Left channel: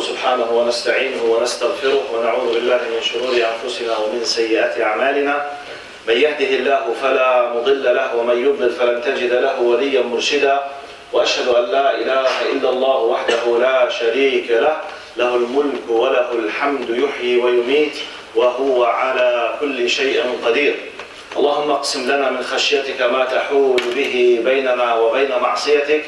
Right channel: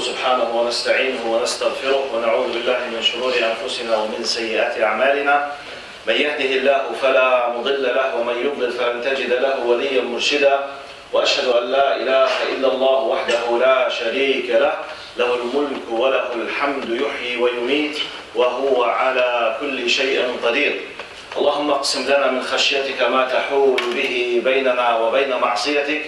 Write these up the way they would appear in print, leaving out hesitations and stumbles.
سبحانه ونستعينه ونستغفره ونعوذ بالله من شرور أنفسنا ومن سيئات أعمالنا. من يهده الله فلا مضل له ومن يضلل فلن تجد له وليا مرشدا. وأشهد أن لا إله إلا الله وحده لا شريك له، له الملك وله الحمد يحيي ويميت وهو على كل شيء قدير. اللهم اقسم لنا من خشيتك ما تحول به بيننا وبين معصيتك،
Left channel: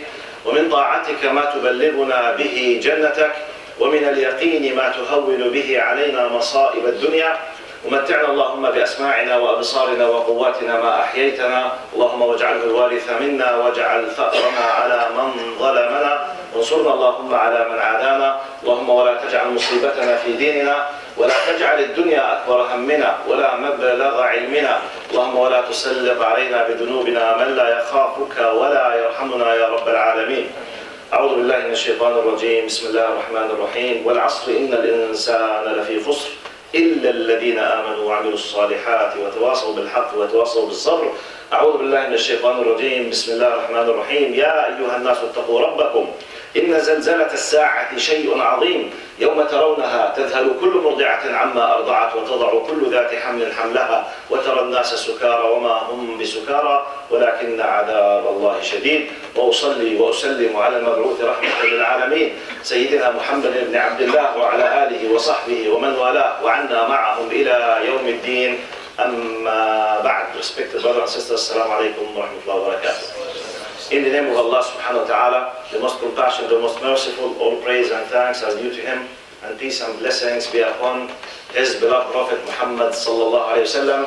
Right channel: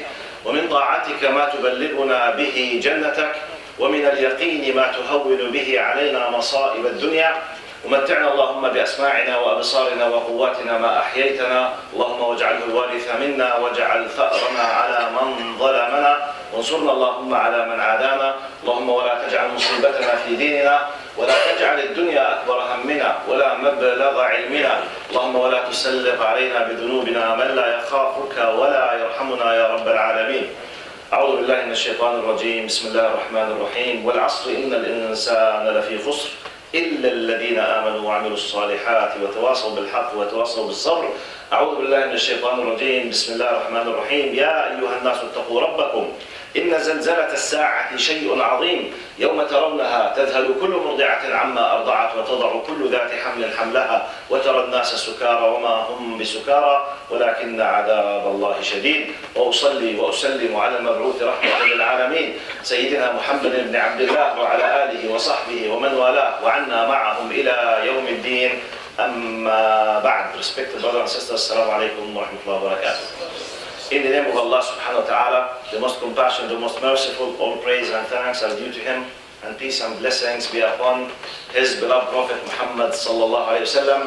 ومن طاعتك ما تبلغنا به جنتك، ومن اليقين ما تهون به علينا مصائب الدنيا. ومتعنا اللهم بأسماعنا وأبصارنا وقواتنا ما أحييتنا، اللهم واجعله الوارث منا واجعل ثأرنا على من ظلمنا، وانصرنا اللهم على من عادانا. اللهم ولا تجعل مصيبتنا في ديننا، ولا تجعل الدنيا أكبر همنا ولا مبلغ علمنا. اللهم ولا تسلط علينا بذنوبنا من لا يخافك ولا يرحمنا يا رب العالمين. أعوذ بالله من الشيطان الرجيم. بسم الله الرحمن الرحيم. والعصر إن الإنسان لفي خسر إلا الذين آمنوا وعملوا الصالحات وتواصوا بالحق وتواصوا بالصبر. أعوذ بالله من الشيطان الرجيم. بسم الله الرحمن الرحيم. يا أيها الناس اتقوا ربكم إن زلزلة الساعة شيء عظيم، يوم ترونها تذهل كل مرضعة عما أرضعت وتضع كل ذات حمل حملها وترى الناس سكارى وما هم بسكارى ولكن عذاب الله شديد. وأصلي وأسلم على المبعوث رحمة للعالمين سيدنا محمد بن عبد الله وعلى آله وصحبه ومن والاه وعنا معهم إلى يوم الدين. أما بعد. Respected brothers and sisters, Assalamu alaikum wa rahmatullahi wa barakatuh. In the name of Allah subhanahu wa ta'ala, the most compassionate, the most merciful, all praise and thanks are due to Him, and peace and blessings be upon His beloved Prophet Muhammad sallallahu alayhi wa sallam.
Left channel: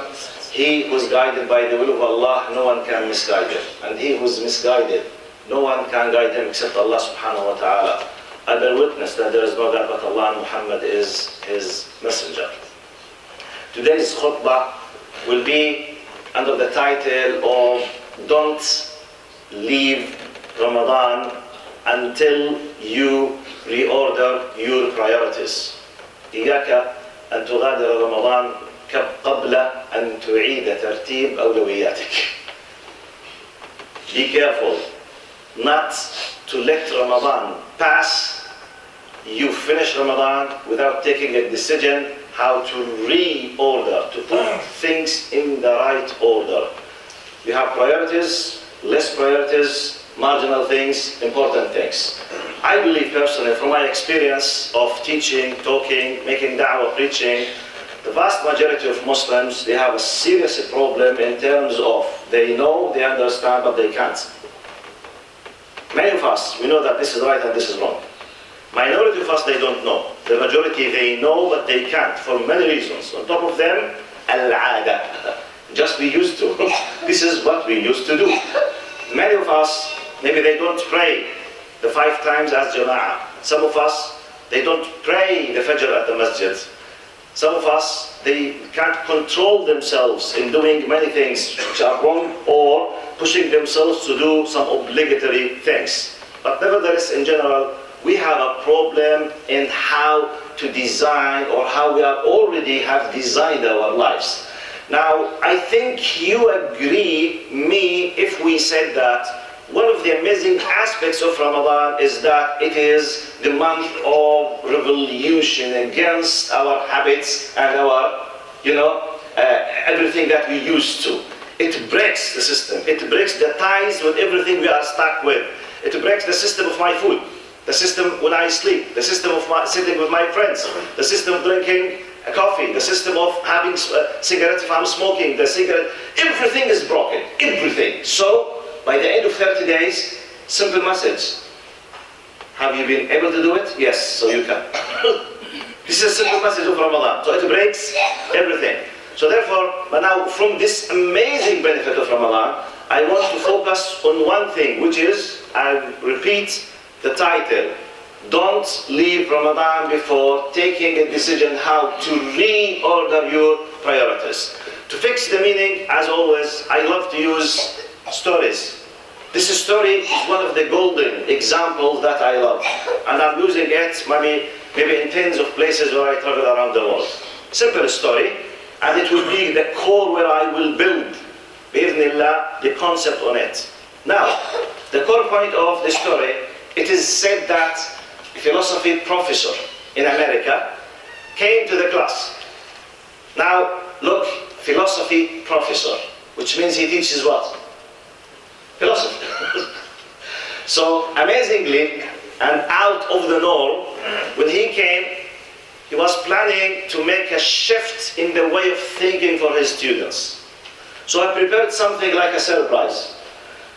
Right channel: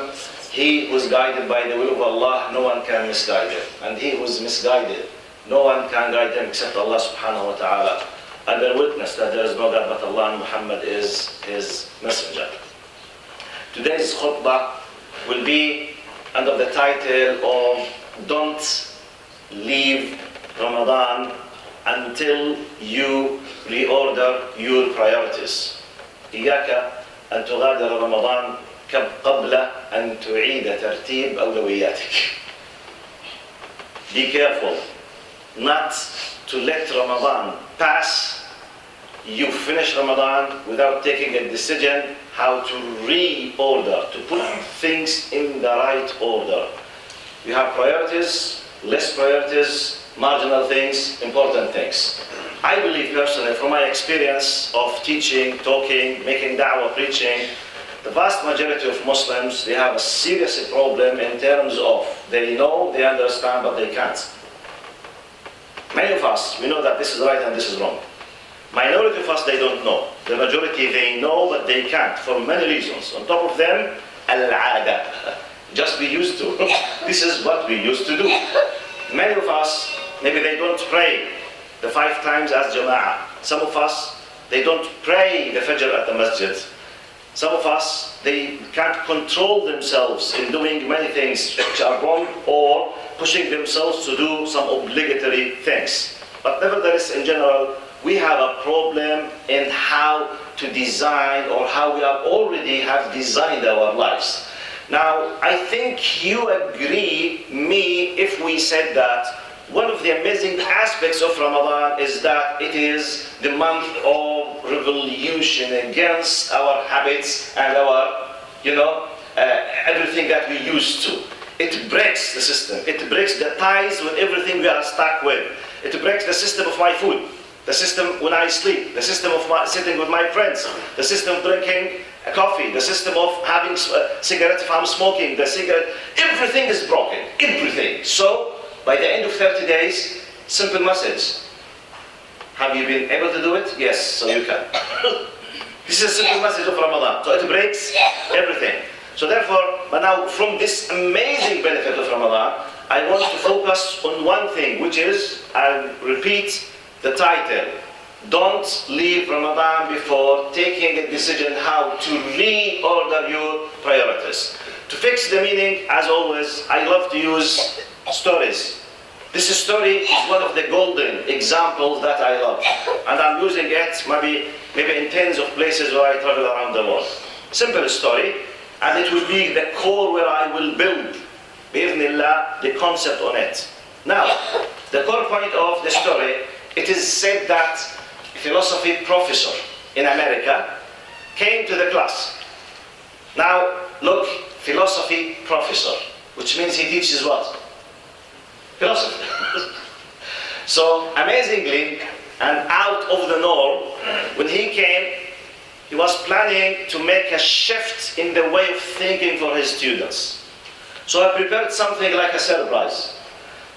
He who is guided by the will of Allah, no one can misguide him. And he who is misguided, no one can guide him except Allah subhanahu wa ta'ala. I bear witness that there is no God but Allah, and Muhammad is His messenger. Today's khutbah will be under the title of Don't Leave Ramadan until you reorder your priorities. إياك أن تغادر رمضان قبل أن تعيد ترتيب أولوياتك. Be careful not to let Ramadan pass. You finish Ramadan without taking a decision how to reorder, to put things in the right order. You have priorities, less priorities, marginal things, important things. I believe personally, from my experience of teaching, talking, making da'wah, preaching, the vast majority of Muslims, they have a serious problem in terms of they know, they understand, but they can't. Many of us, we know that this is right and this is wrong. Minority of us, they don't know. The majority, they know, but they can't for many reasons. On top of them, al-'ada. Just be used to. This is what we used to do. Many of us, maybe they don't pray the 5 times as jama'ah. Some of us, they don't pray the fajr at the masjid. Some of us, they can't control themselves in doing many things which are wrong or pushing themselves to do some obligatory things. But nevertheless, in general, we have a problem in how to design or how we already have designed our lives. Now, I think you agree me if we said that one of the amazing aspects of Ramadan is that it is the month of revolution against our habits and our, everything that we used to. It breaks the system. It breaks the ties with everything we are stuck with. It breaks the system of my food, the system when I sleep, the system of sitting with my friends, the system of drinking coffee, the system of having cigarette if I'm smoking, the cigarette, everything is broken, everything. So, by the end of 30 days, simple message. Have you been able to do it? Yes, so you can. This is a simple message of Ramadan. So it breaks everything. So therefore, but now from this amazing benefit of Ramadan, I want to focus on one thing, which is, I'll repeat the title, Don't leave Ramadan before taking a decision how to reorder your priorities. To fix the meaning, as always, I love to use stories. This story is one of the golden examples that I love. And I'm using it maybe in tens of places where I travel around the world. Simple story, and it will be the core where I will build, bi'idhnillah, the concept on it. Now, the core point of the story, it is said that a philosophy professor in America came to the class. Now, look, philosophy professor, which means he teaches what? Philosophy. So, amazingly, and out of the norm, when he came, he was planning to make a shift in the way of thinking for his students. So I prepared something like a surprise.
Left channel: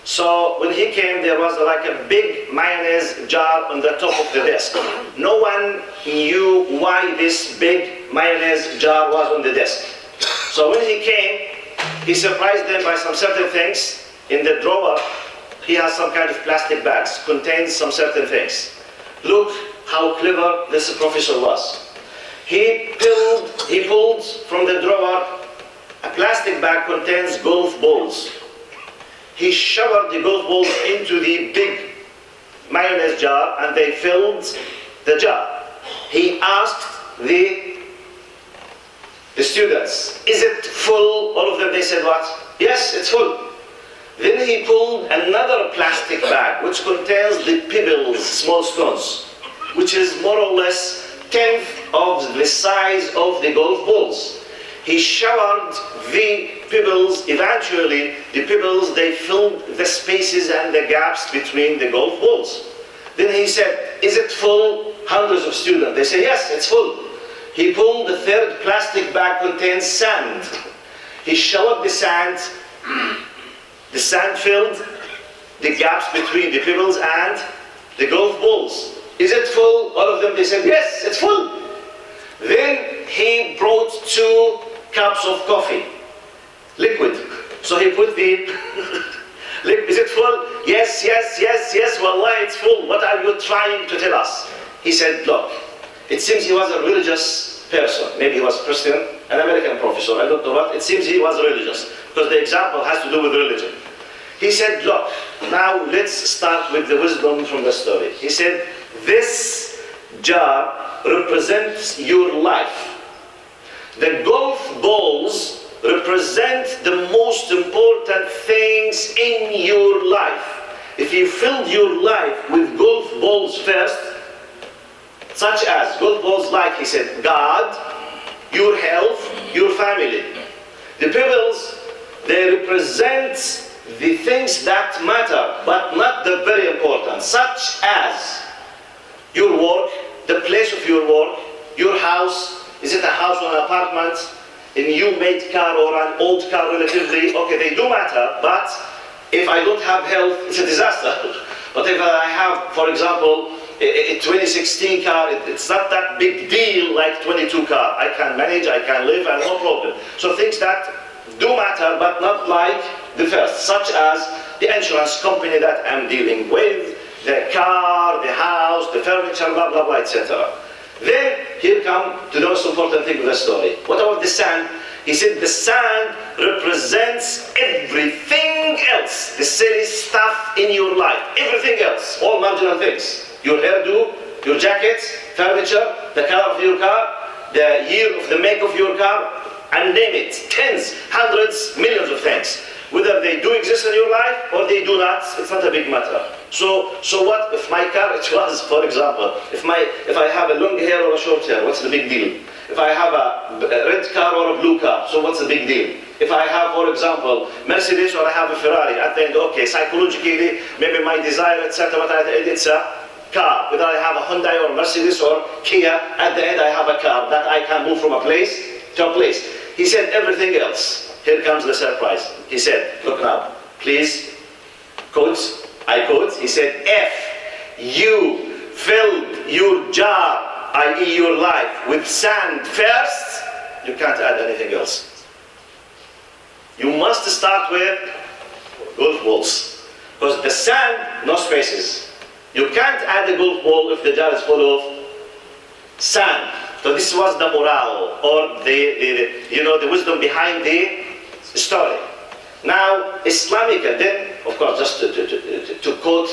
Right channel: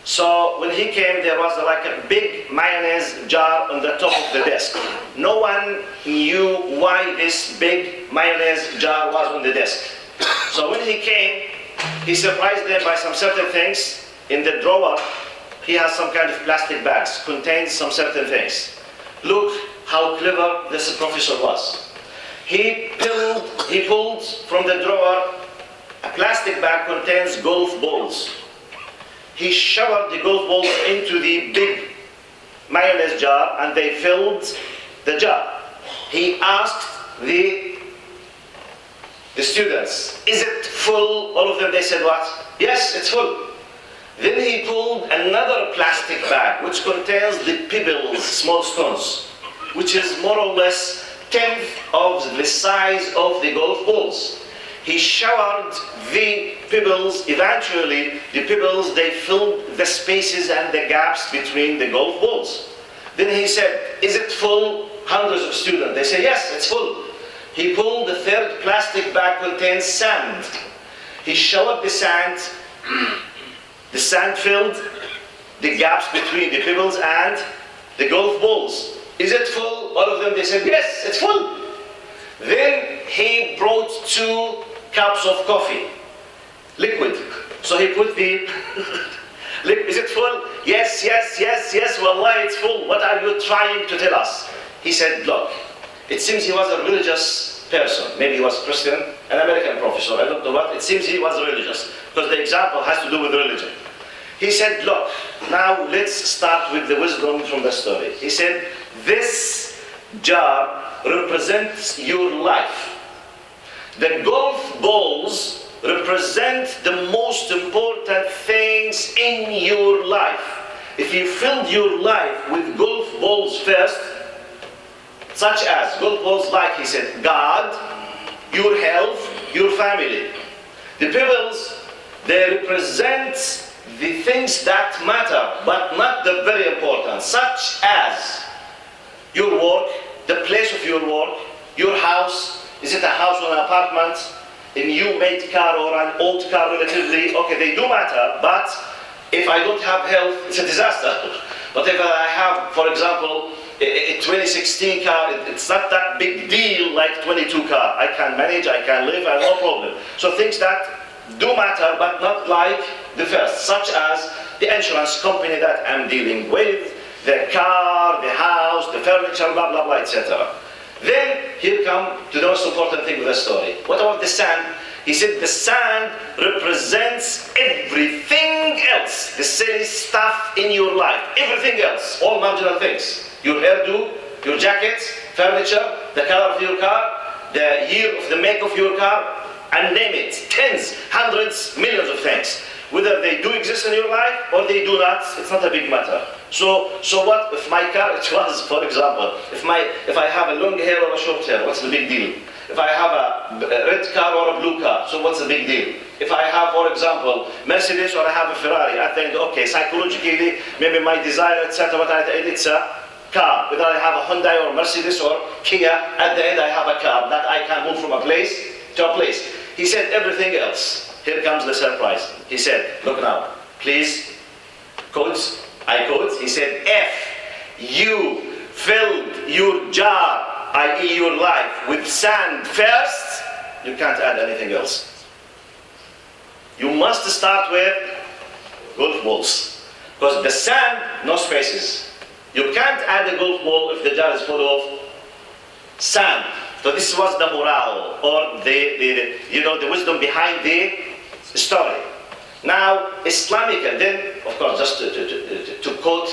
So when he came, there was like a big mayonnaise jar on the top of the desk. No one knew why this big mayonnaise jar was on the desk. So when he came, he surprised them by some certain things. In the drawer, he has some kind of plastic bags, contains some certain things. Look how clever this professor was. He pulled from the drawer a plastic bag contains golf balls. He showered the golf balls into the big mayonnaise jar and they filled the jar. He asked the students, is it full? All of them, they said what? Yes, it's full. Then he pulled another plastic bag which contains the pebbles, small stones, which is more or less 1/10 of the size of the golf balls. He showered the pebbles. Eventually, the pebbles, they filled the spaces and the gaps between the golf balls. Then he said, is it full? Hundreds of students, they said, yes, it's full. He pulled the third plastic bag contains sand. He showered the sand filled the gaps between the pebbles and the golf balls. Is it full? All of them, they said, yes, it's full. Then he brought 2 cups of coffee, liquid. So he put the, is it full? Yes, yes, yes, yes, wallah, it's full. What are you trying to tell us? He said, look, it seems he was a religious person. Maybe he was Christian, an American professor, I don't know what. It seems he was religious, because the example has to do with religion. He said, look, now let's start with the wisdom from the story. He said, this jar represents your life. The golf balls represent the most important things in your life. If you filled your life with golf balls first, such as golf balls like, he said, God, your health, your family. The pebbles, they represent the things that matter, but not the very important, such as your work, the place of your work, your house. Is it a house or an apartment? A new-made car or an old car relatively? Okay, they do matter, but if I don't have health, it's a disaster. But if I have, for example, a 2016 car, it's not that big deal like 22 car. I can manage, I can live, and no problem. So things that do matter, but not like the first, such as the insurance company that I'm dealing with, the car, the house, the furniture, blah, blah, blah, etc. Then, here come to the most important thing of the story. What about the sand? He said the sand represents everything else, the silly stuff in your life, everything else, all marginal things. Your hairdo, your jacket, furniture, the color of your car, the year of the make of your car, and name it, tens, hundreds, millions of things. Whether they do exist in your life or they do not, it's not a big matter. So what if my car, it was, for example, if I have a long hair or a short hair, what's the big deal? If I have a red car or a blue car, so what's the big deal? If I have, for example, Mercedes or I have a Ferrari, at the end, okay, psychologically, maybe my desire, etc., it's a car. Whether I have a Hyundai or Mercedes or Kia, at the end I have a car that I can move from a place to a place. He said everything else. Here comes the surprise. He said, look now, please, quotes, I quote, he said, if you filled your jar, i.e. your life, with sand first, you can't add anything else. You must start with golf balls. Because the sand, no spaces. You can't add a golf ball if the jar is full of sand. So this was the morale, or the wisdom behind the story. Now, Islamic, then, of course, just to quote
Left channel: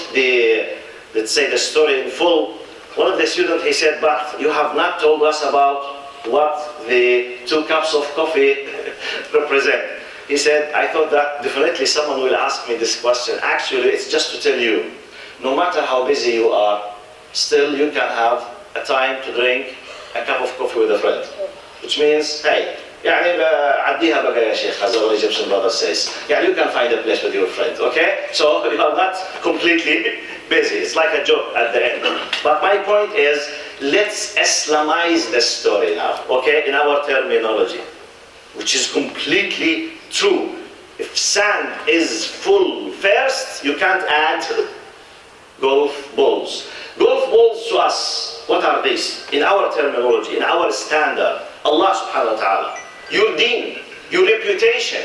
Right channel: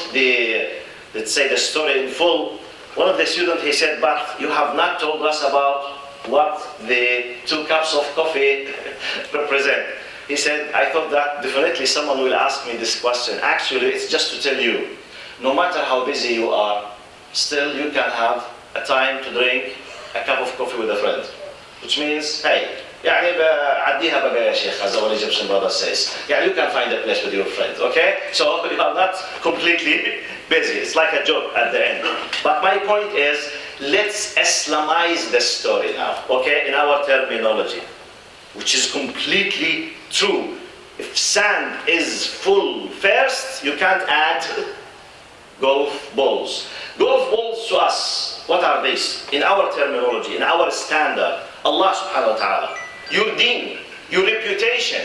let's say the story in full, one of the students, he said, but you have not told us about what the 2 cups of coffee represent. He said, I thought that definitely someone will ask me this question. Actually, it's just to tell you, no matter how busy you are, still you can have a time to drink a cup of coffee with a friend, which means, hey, يعني عديها بقى يا شيخ, as our Egyptian brother says. يعني you can find a place with your friend, okay? So you are not completely busy. It's like a joke at the end. But my point is, let's Islamize the story now, okay? In our terminology, which is completely true. If sand is full first, you can't add golf balls. Golf balls to us, what are these? In our terminology, in our standard, Allah subhanahu wa ta'ala. Your deen, your reputation,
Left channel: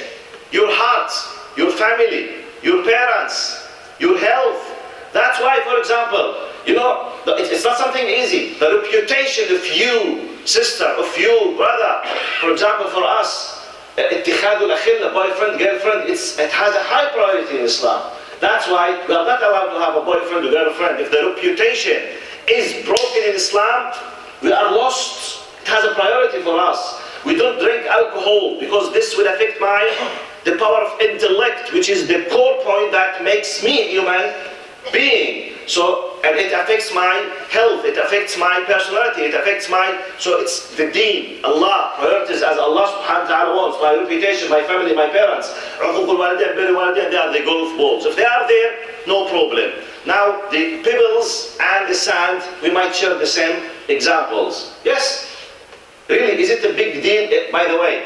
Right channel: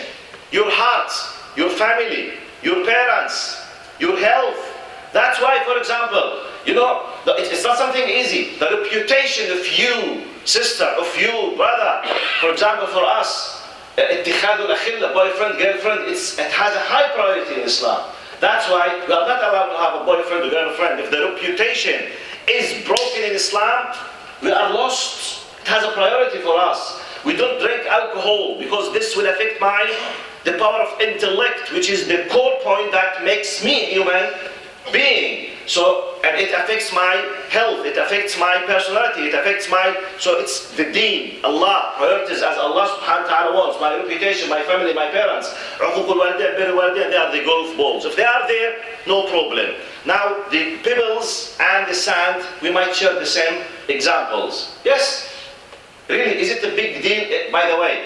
your heart, your family, your parents, your health. That's why, for example, you know, it's not something easy. The reputation of you, sister, of you, brother. For example, for us, اتخاذ الأخلة, boyfriend, girlfriend, it has a high priority in Islam. That's why we are not allowed to have a boyfriend or girlfriend. If the reputation is broken in Islam, we are lost. It has a priority for us. We don't drink alcohol because this will affect the power of intellect, which is the core point that makes me a human being. So, and it affects my health, it affects my personality, it affects so it's the deen, Allah, priorities as Allah subhanahu wa ta'ala wants, my reputation, my family, my parents. They are the golf balls. If they are there, no problem. Now, the pebbles and the sand, we might share the same examples. Yes? Really, is it a big deal? By the way,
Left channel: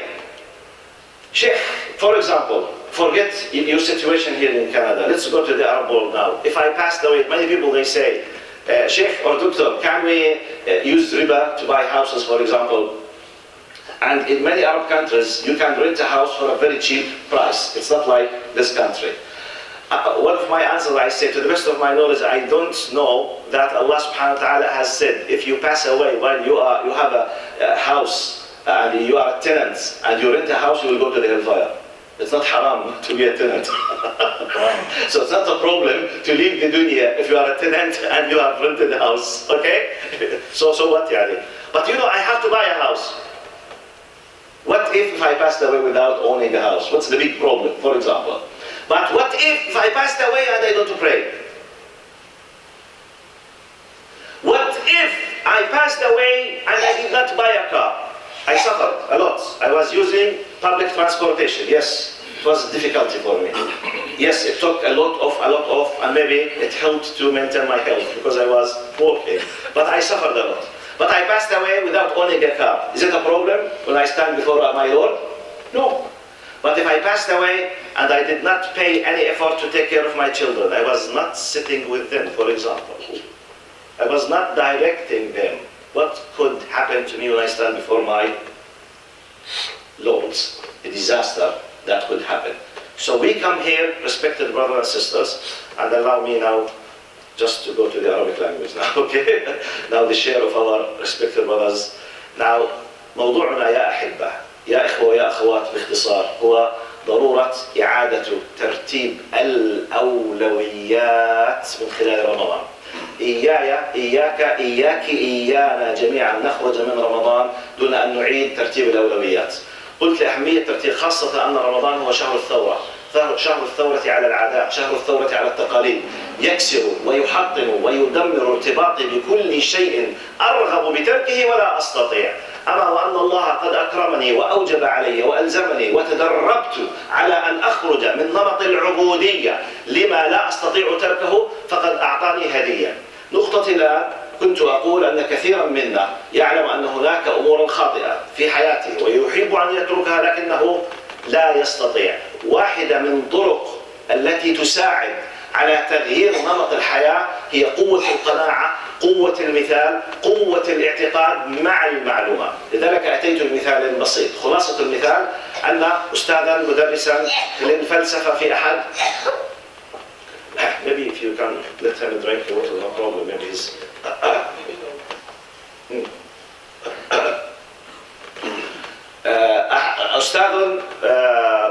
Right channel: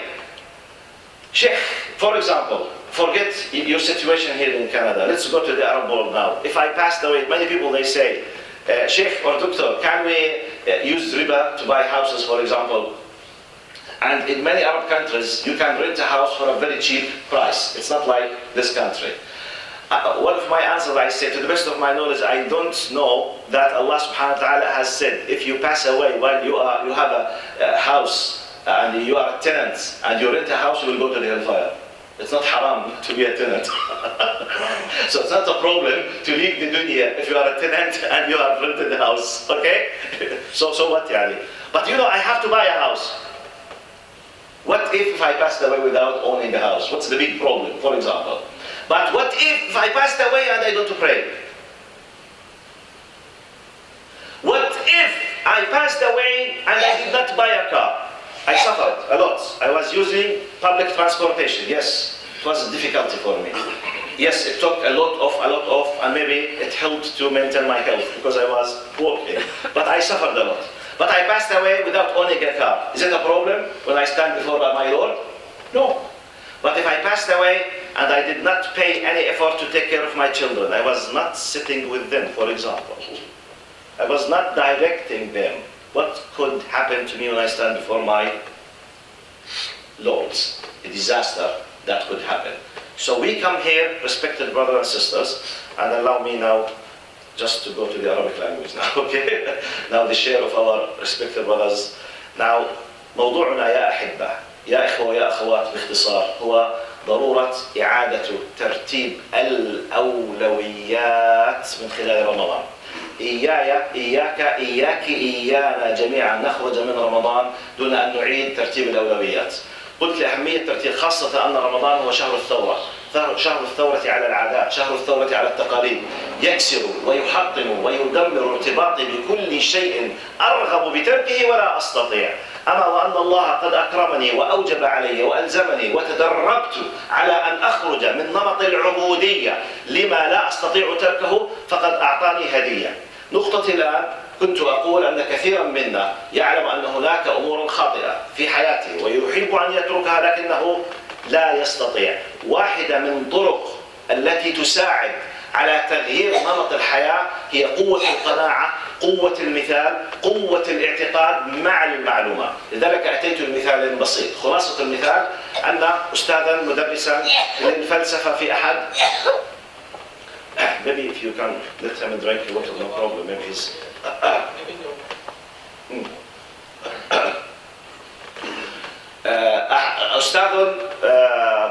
Sheikh, for example, forget your situation here in Canada. Let's go to the Arab world now. If I passed away, many people they say, Sheikh or Doctor, can we use riba to buy houses, for example? And in many Arab countries, you can rent a house for a very cheap price. It's not like this country. One of my answers, I say, to the best of my knowledge, I don't know that Allah subhanahu wa ta'ala has said, if you pass away while you have a house and you are a tenant and you rent a house, you will go to the hellfire. It's not haram to be a tenant. So it's not a problem to leave the dunya if you are a tenant and you have rented a house, okay? So what, yani? But you know, I have to buy a house. What if I passed away without owning a house? What's the big problem, for example? But what if I passed away and I don't pray? What if I passed away and I did not buy a car? I suffered a lot. I was using public transportation. Yes, it was a difficulty for me. Yes, it took a lot of, and maybe it helped to maintain my health because I was working. But I suffered a lot. But I passed away without owning a car. Is it a problem when I stand before my Lord? No. But if I passed away and I did not pay any effort to take care of my children, I was not sitting with them, for example. I was not directing them. What could happen to me when I stand before my Lords? A disaster that could happen. So we come here, respected brothers and sisters, and allow me now just to go to the Arabic language now, okay? Now the share of our respected brothers. Now, موضوعنا يا أحبة يا إخوة يا أخوات باختصار هو ضرورة إعادة ترتيب الأولويات من خلال رمضان. إياك إيانا جميعا نخرج من رمضان دون أن نعيد ترتيب الأولويات. قلت لأهمية ترتيب، خاصة أن رمضان هو شهر الثورة، شهر الثورة على العادات، شهر الثورة على التقاليد، يكسر ويحطم ويدمر ارتباطي بكل شيء أرغب بتركه ولا أستطيع. أما وأن الله قد أكرمني وأوجب علي وألزمني وتدربت على أن أخرج من نمط العبودية لما لا أستطيع تركه فقد أعطاني هدية. نقطة الآن كنت أقول أن كثيرا منا يعلم أن هناك أمور خاطئة في حياته ويحب أن يتركها لكنه لا يستطيع. واحدة من طرق التي تساعد على تغيير نمط الحياة هي قوة القناعة، قوة المثال، قوة الاعتقاد مع المعلومة. لذلك أتيت بمثال بسيط. خلاصة المثال أن أستاذا مدرسا للفلسفة في أحد maybe if you can let him drink water, no problem. Maybe he's أستاذ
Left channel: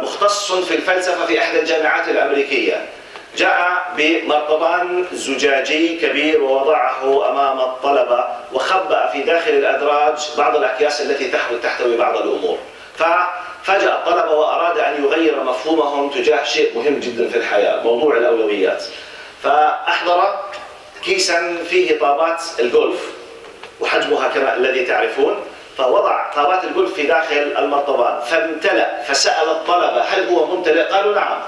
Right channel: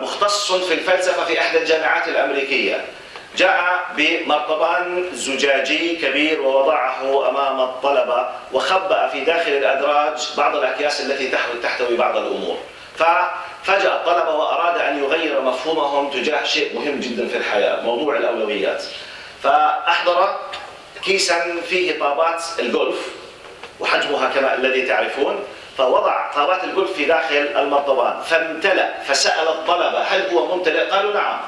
مختص في الفلسفة في أحد الجامعات الأمريكية جاء بمرطبان زجاجي كبير ووضعه أمام الطلبة وخبأ في داخل الأدراج بعض الأكياس التي تحتوي بعض الأمور. ففاجأ الطلبة وأراد أن يغير مفهومهم تجاه شيء مهم جدا في الحياة، موضوع الأولويات. فأحضر كيسا فيه طابات الجولف وحجمها كما الذي تعرفون، فوضع طابات الجولف في داخل المرطبان فامتلأ، فسأل الطلبة هل هو ممتلئ؟ قالوا نعم.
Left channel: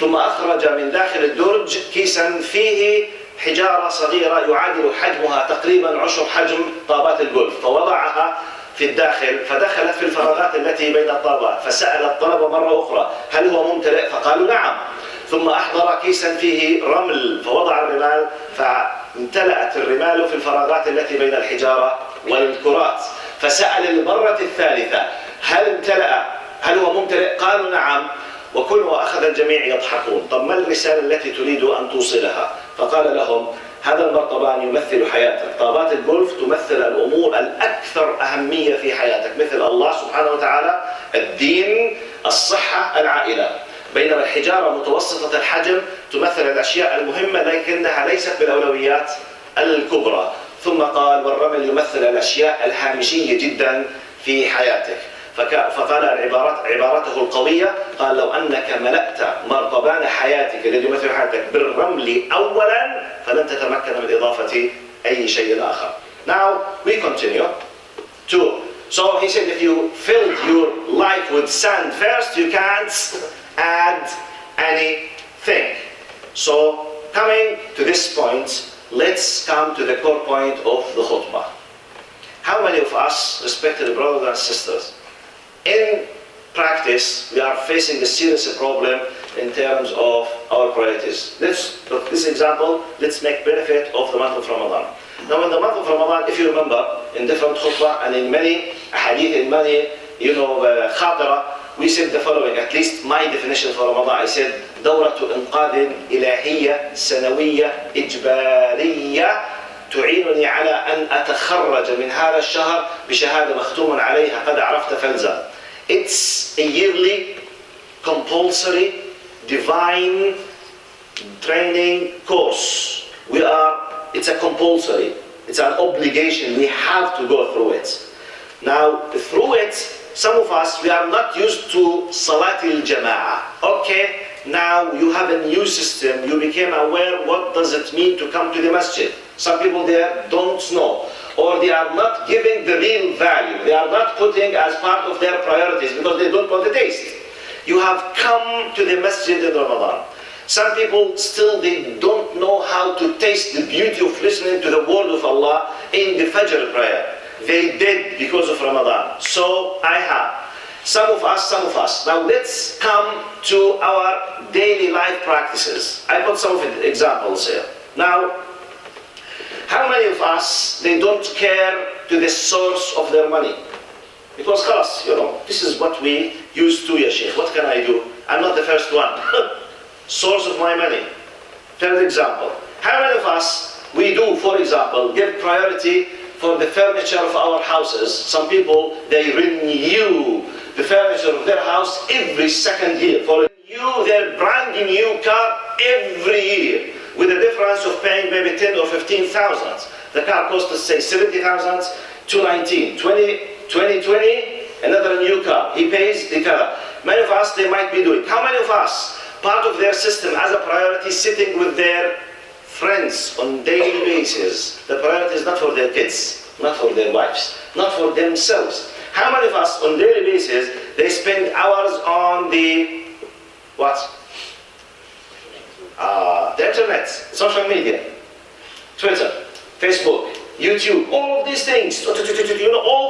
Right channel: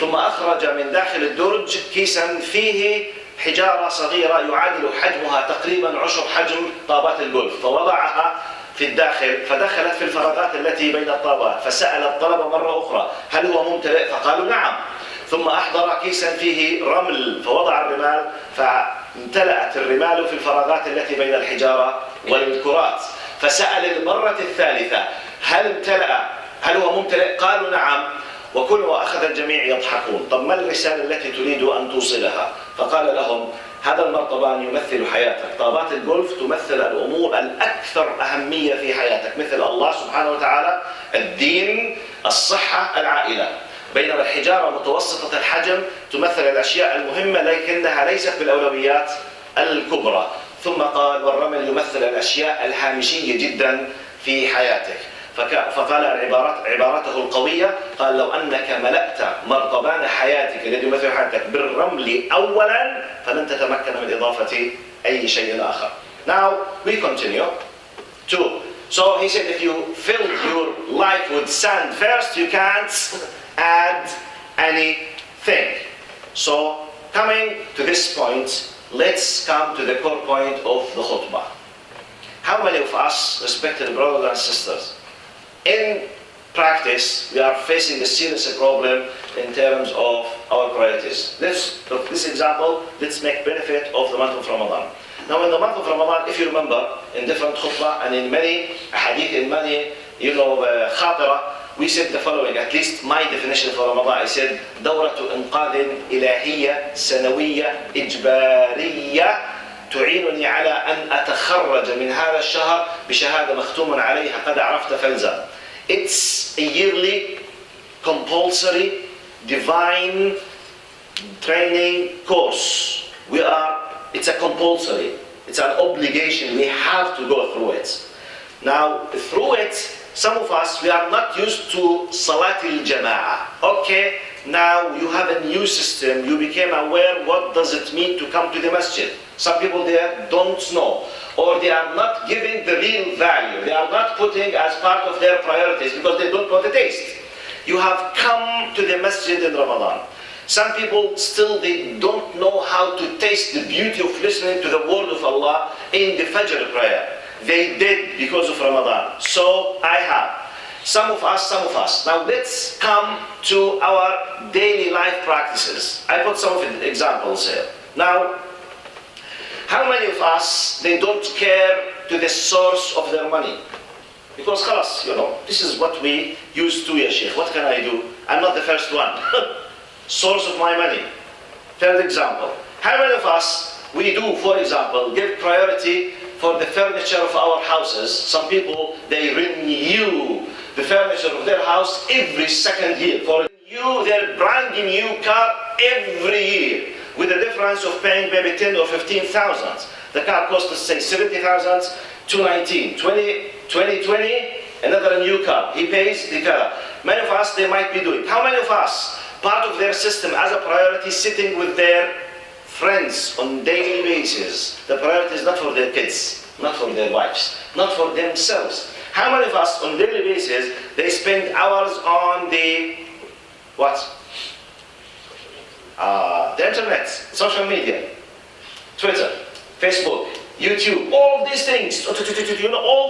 ثم أخرج من داخل الدرج كيسا فيه حجارة صغيرة يعادل حجمها تقريبا عشر حجم طابات الجولف، فوضعها في الداخل فدخلت في الفراغات التي بين الطابات، فسأل الطلبة مرة أخرى هل هو ممتلئ؟ فقالوا نعم. ثم أحضر كيسا فيه رمل فوضع الرمال فامتلأت الرمال في الفراغات التي بين الحجارة والكرات، فسأل المرة الثالثة هل امتلأ؟ هل هو ممتلئ؟ قالوا نعم. وأخذ الجميع يضحكون. طب ما الرسالة التي تريد أن توصلها؟ فقال لهم هذا المرطبان يمثل حياتك، طابات الجولف تمثل الأمور الأكثر أهمية في حياتك، مثل الله سبحانه وتعالى، الدين، الصحة، العائلة. بينما الحجارة متوسطة الحجم تمثل الأشياء المهمة لكنها ليست بالأولويات الكبرى. ثم قال والرمل يمثل الأشياء الهامشية جدا في حياتك. فقال عبارته القوية، قال لو أنك ملأت مرطبان حياتك الذي يمثل حياتك بالرمل أولا فلن تتمكن من إضافة أي شيء آخر. Now we continue to. So he said if you filled your life with sand first you can't add anything. So coming to this point, let's come to the core point of the khutbah. How many of us, respected brothers and sisters, in practice we are facing a serious problem in terms of our priorities? Let's look this example. Let's make benefit of the month of Ramadan. Now in the month of Ramadan, if you remember, in different khutbah and in many hadith, in many khatira, we said the following, at least my definition for Ramadan. I said دورة إنقاذ إلهية سنوية إجبارية تعينني على أن أتخرج من هذا الشهر بشهادة مختوم عليها قد عرفت فلزم. It's a yearly compulsory divine training course. It's a compulsory, it's an obligation, we have to go through it. Now through it, some of us, we are not used to Salatil Jama'ah. Okay, now you have a new system, you became aware what does it mean to come to the masjid. Some people there don't know, or they are not giving the real value. They are not putting as part of their priorities because they don't know the taste. You have come to the masjid in Ramadan. Some people still they don't know how to taste the beauty of listening to the word of Allah in the Fajr prayer. They did because of Ramadan. So I have. Some of us. Now let's come to our daily life practices. I put some of the examples here. Now, how many of us, they don't care to the source of their money? Because khalas, this is what we used to, ya Sheikh. What can I do? I'm not the first one. Source of my money. Third example. How many of us, we do, for example, give priority for the furniture of our houses? Some people, they renew the furniture of their house every second year. For their brand new car every year, with a difference of paying maybe 10 or 15,000. The car cost us say 70,000, 2019, 2020, another new car. He pays the car. Many of us, they might be doing. How many of us, part of their system as a priority, sitting with their friends on daily basis? The priority is not for their kids, not for their wives, not for themselves. How many of us on daily basis, they spend hours on the, what? The internet, social media, Twitter, Facebook, YouTube, all of these things, all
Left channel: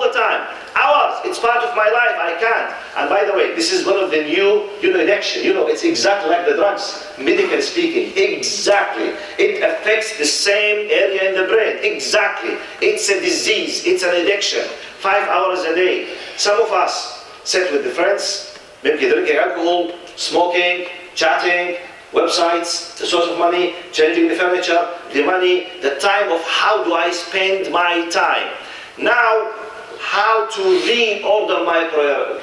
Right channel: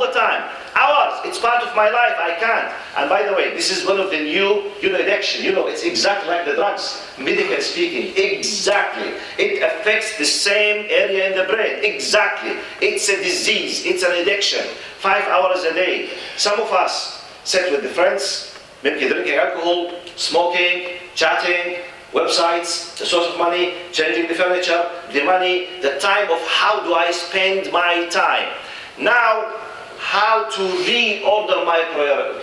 the time. Hours, it's part of my life, I can't. And by the way, this is one of the new, addiction. It's exactly like the drugs, medically speaking, exactly. It affects the same area in the brain, exactly. It's a disease, it's an addiction. 5 hours a day. Some of us sit with the friends, maybe drinking alcohol, smoking, chatting, websites, the source of money, changing the furniture, the money, the time of how do I spend my time. Now, how to reorder my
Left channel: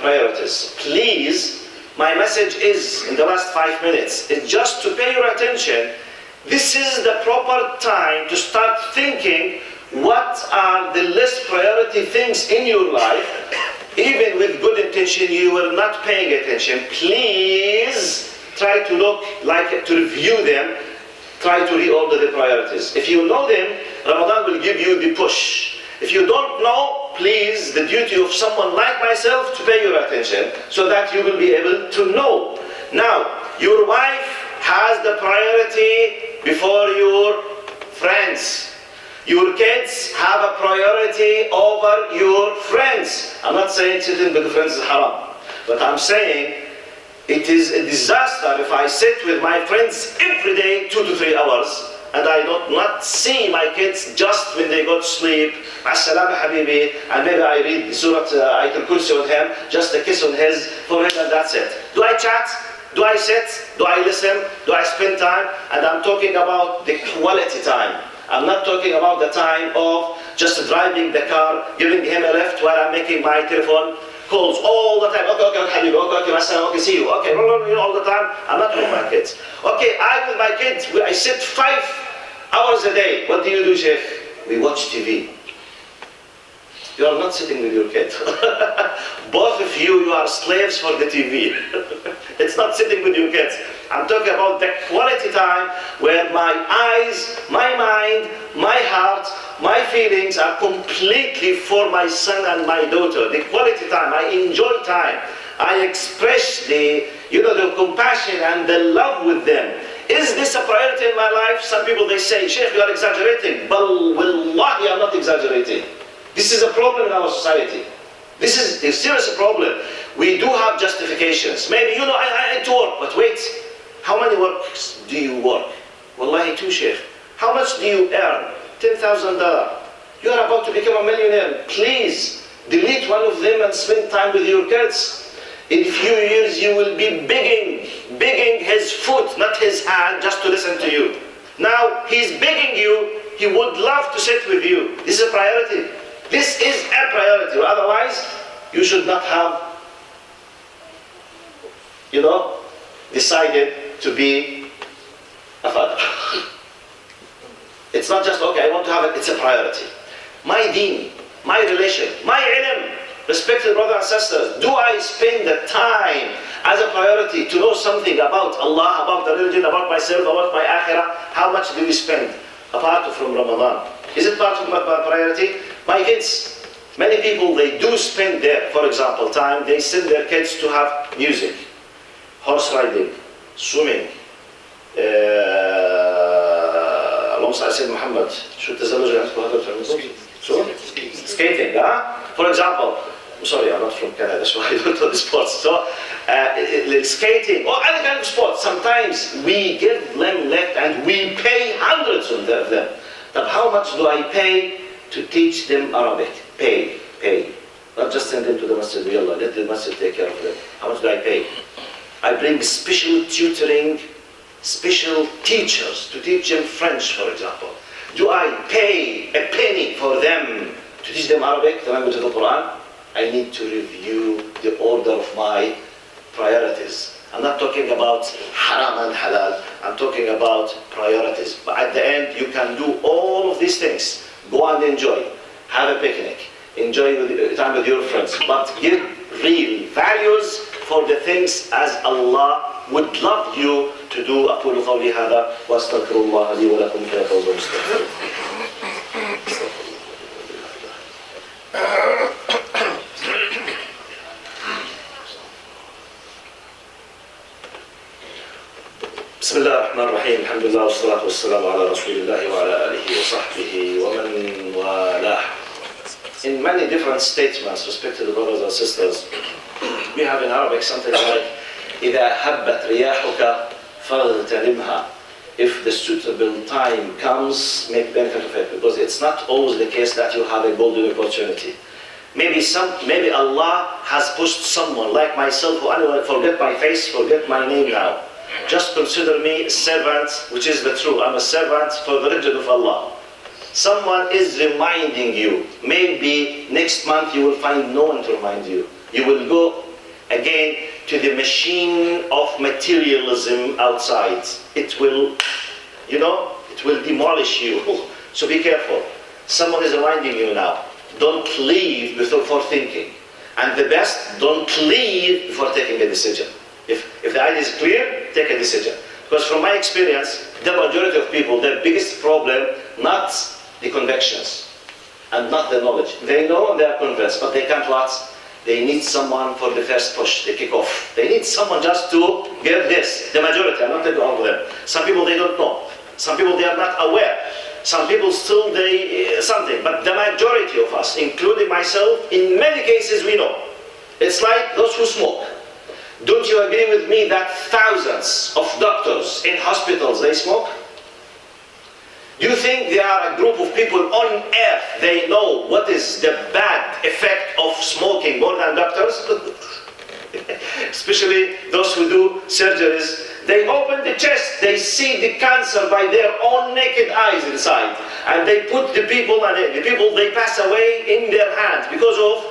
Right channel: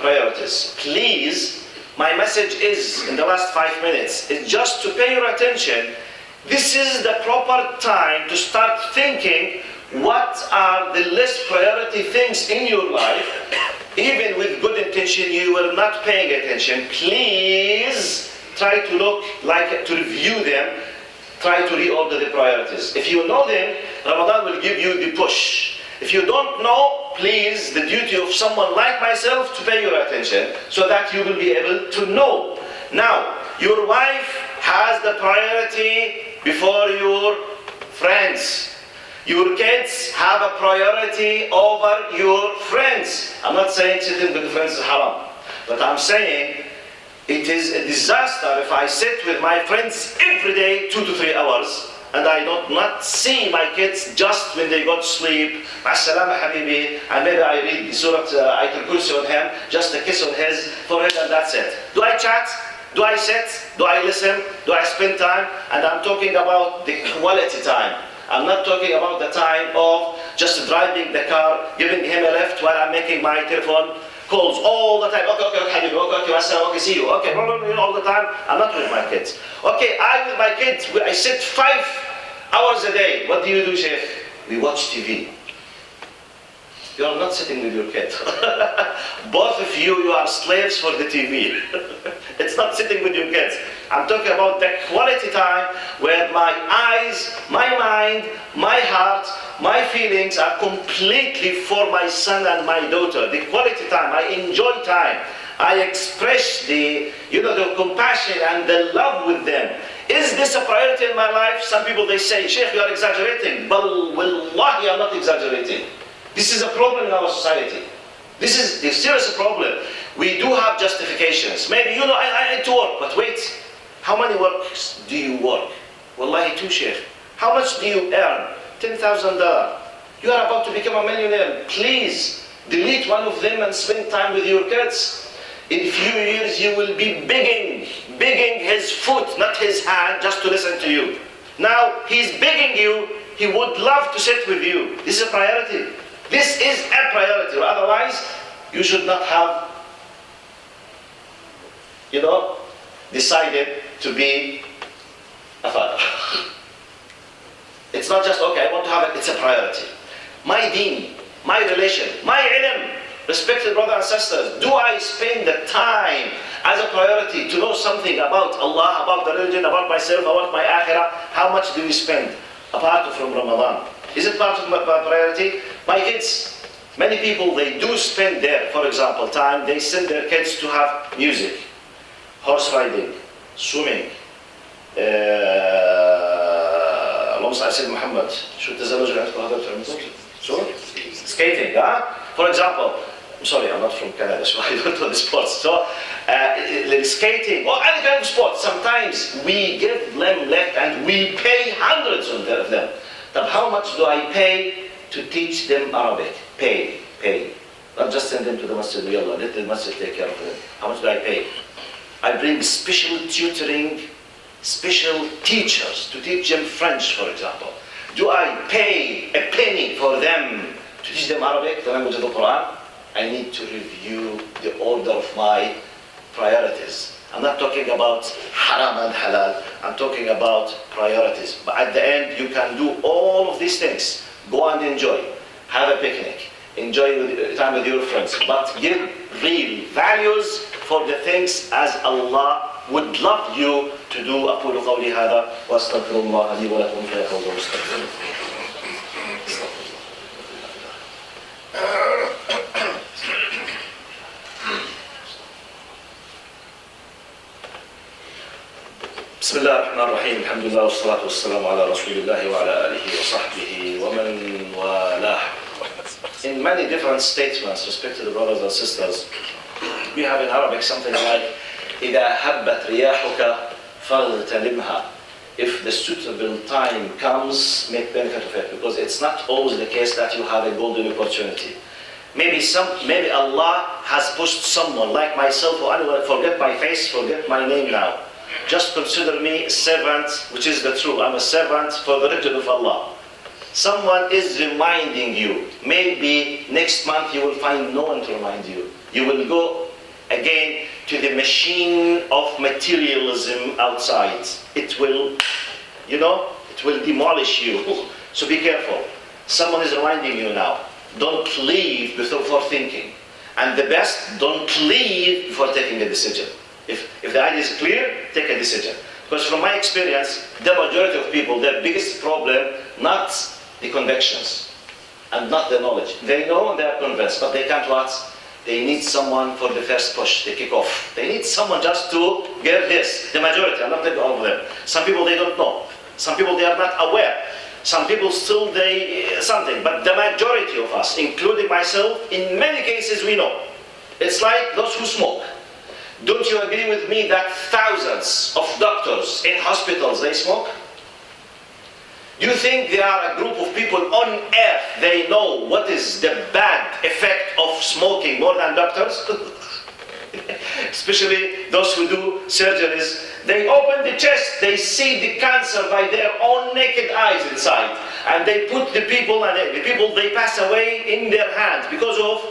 priorities. Please, my message is, in the last 5 minutes, is just to pay your attention. This is the proper time to start thinking what are the less priority things in your life. Even with good intention, you were not paying attention. Please, try to to review them, try to reorder the priorities. If you know them, Ramadan will give you the push. If you don't know, please, the duty of someone like myself to pay your attention so that you will be able to know. Now, your wife has the priority before your friends. Your kids have a priority over your friends. I'm not saying sitting with friends is haram, but I'm saying it is a disaster if I sit with my friends every day 2 to 3 hours and I do not see my kids just when they go to sleep. As-salama habibi, and maybe I read Surah Ayatul Kursi on him, just a kiss on his forehead and that's it. Do I chat? Do I sit? Do I listen? Do I spend time? And I'm talking about the quality time. I'm not talking about the time of just driving the car, giving him a lift while I'm making my telephone calls all the time. Okay, habibi, okay, see you. Okay, all the time. I'm not with my kids. Okay, with my kids, I sit 5 hours a day. What do you do, Sheikh? We watch TV. You are not sitting with your kid. Both of you are slaves for the TV. It's not sitting with your kids. I'm talking about the quality time where my eyes, my mind, my heart, my feelings are completely for my son and my daughter. The quality time, I enjoy time. I express the compassion and the love with them. Is this a priority in my life? Some people, they say, Sheikh, you are exaggerating. But wallahi, I'm not exaggerating. This is a problem in our society. This is a serious problem. We do have justifications. Maybe, I need to work, but wait. How many works do you work? Wallahi, 2, Sheikh. How much do you earn? $10,000. You are about to become a millionaire. Please, delete one of them and spend time with your kids. In a few years, you will be begging his foot, not his hand, just to listen to you. Now, he's begging you. He would love to sit with you. This is a priority. This is a priority. Otherwise, you should not have, decided to be a father. It's not just, okay, I want to have it. It's a priority. My deen, my relation, my ilm, respected brothers and sisters, do I spend the time as a priority to know something about Allah, about the religion, about myself, about my akhirah? How much do we spend apart from Ramadan? Is it part of my priority? My kids, many people, they do spend their, for example, time, they send their kids to have music, horse riding, swimming, اللهم صل على سيدنا محمد شو التزلج اللي عندكم هذا بتعملوه؟ شو؟ Skating, For example, I'm sorry, I'm not from Canada, so I don't know the sports. So, skating, or any kind of sport, sometimes we give them left and we pay hundreds of them. But how much do I pay to teach them Arabic? Pay. Not just send them to the masjid, let the masjid take care of them. How much do I pay? I bring special tutoring, special teachers to teach them French, for example. Do I pay a penny for them to teach them Arabic, the language of the Quran? I need to review the order of my priorities. I'm not talking about haram and halal. I'm talking about priorities. But at the end, you can do all of these things. Go and enjoy. Have a picnic. Enjoy time with your friends. But give real values for the things as Allah would love you to do. أقول قولي هذا وأستغفر الله لي ولكم فيها فوز مستقيم. بسم الله الرحمن الرحيم. الحمد لله والصلاة والسلام على رسول الله وعلى آله وصحبه ومن والاه. In many different statements, respected brothers and sisters, we have in Arabic something like إذا هبت رياحك فاغتنمها. If the suitable time comes, make benefit of it, because it's not always the case that you have a golden opportunity. Maybe Allah has pushed someone like myself or anyone, forget my face, forget my name now. Just consider me a servant, which is the truth. I'm a servant for the religion of Allah. Someone is reminding you. Maybe next month you will find no one to remind you. You will go again to the machine of materialism outside. It will, it will demolish you. So be careful. Someone is reminding you now. Don't leave before thinking. And the best, don't leave before taking a decision. If the idea is clear, take a decision. Because from my experience, the majority of people, their biggest problem, not the convictions. and not the knowledge. They know and they are convinced, but they can't what? They need someone for the first push, the kick-off. They need someone just to get this. The majority, I'm not taking all of them. Some people they don't know. Some people they are not aware. Some people still something. But the majority of us, including myself, in many cases we know. It's like those who smoke. Don't you agree with me that thousands of doctors in hospitals, they smoke? You think there are a group of people on earth, they know what is the bad effect of smoking more than doctors? Especially those who do surgeries. They open the chest, they see the cancer by their own naked eyes inside. And they put the people, and the people they pass away in their hands because of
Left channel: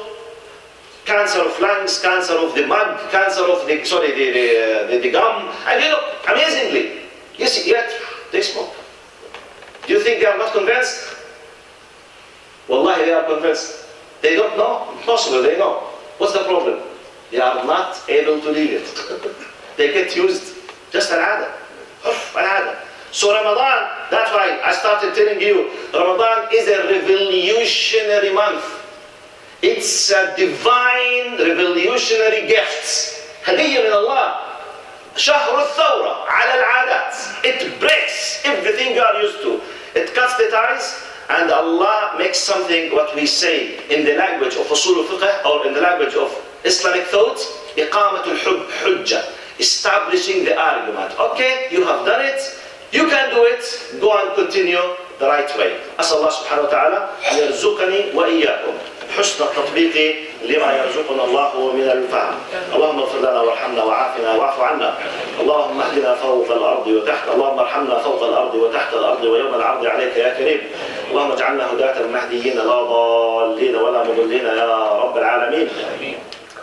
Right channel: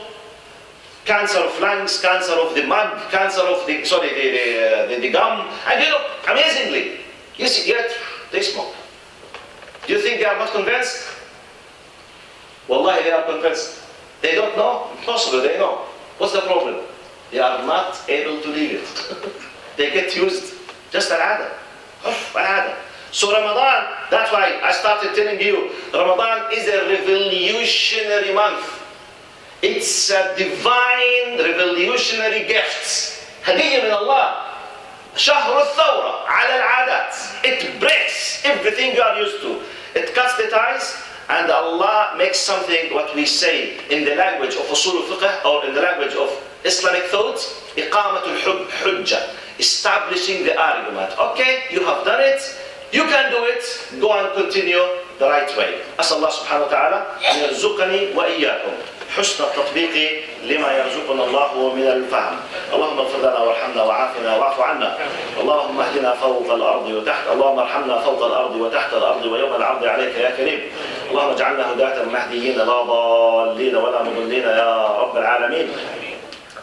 cancer of lungs, cancer of the mud, cancer of the gum. And you know, amazingly, you see, yet they smoke. Do you think they are not convinced? Wallahi, they are convinced. They don't know? Possibly they know. What's the problem? They are not able to leave it. They get used. Just al-ada. Al-ada. So Ramadan, that's why I started telling you, Ramadan is a revolutionary month. It's a divine revolutionary gift. هدية من الله. شهر الثورة على العادات. It breaks everything you are used to. It cuts the ties, and Allah makes something, what we say in the language of usul al-fiqh, or in the language of Islamic thought, إقامة الحجة, establishing the argument. Okay, you have done it, you can do it, go and continue the right way. أسأل الله سبحانه وتعالى أن يرزقني وإياكم حسن التطبيق لما يرزقنا الله من الفهم. اللهم اغفر لنا وارحمنا وعافنا واعف عنا. اللهم اهدنا فوق الأرض وتحت، اللهم ارحمنا فوق الأرض وتحت الأرض ويوم العرض عليك يا كريم. اللهم اجعلنا هداة مهديين لا ضالين ولا مضلين يا رب العالمين.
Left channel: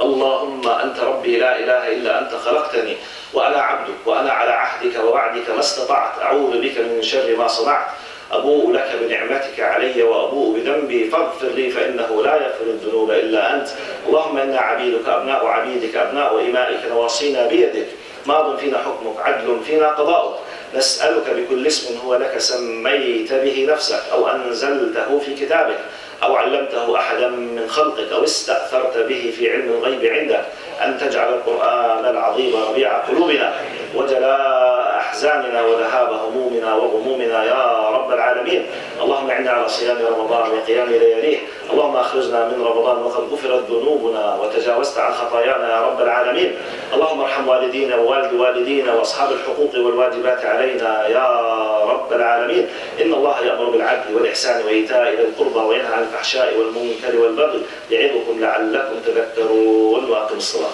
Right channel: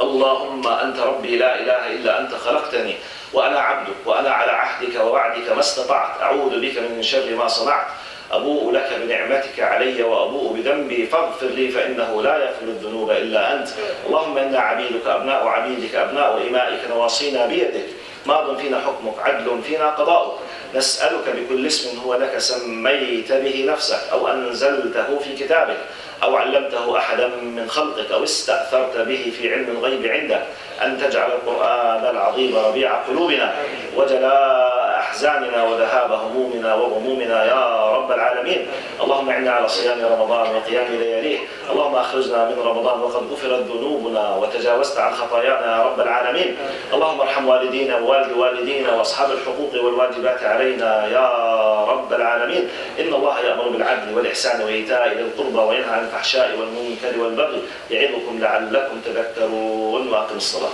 اللهم أنت ربي لا إله إلا أنت، خلقتني وأنا عبدك وأنا على عهدك ووعدك ما استطعت، أعوذ بك من شر ما صنعت، أبوء لك بنعمتك علي وأبوء بذنبي فاغفر لي فإنه لا يغفر الذنوب إلا أنت. اللهم إنا عبيدك أبناء عبيدك أبناء إمائك نواصينا بيدك، ماض فينا حكمك عدل فينا قضاؤك، نسألك بكل اسم هو لك سميت به نفسك أو أنزلته في كتابك أو علمته أحدا من خلقك أو استأثرت به في علم الغيب عندك أن تجعل القرآن العظيم ربيع قلوبنا وجلاء أحزاننا وذهاب همومنا وغمومنا يا رب العالمين. اللهم أعنا على صيام رمضان وقيام لياليه. اللهم أخرجنا من رمضان وقد غفرت ذنوبنا وتجاوزت عن خطايانا يا رب العالمين. اللهم ارحم والدينا ووالد والدينا وأصحاب الحقوق والواجبات علينا يا رب العالمين. إن الله يأمر بالعدل والإحسان وإيتاء ذي القربى وينهى عن الفحشاء والمنكر والبغي يعظكم لعلكم تذكرون. وأقم الصلاة.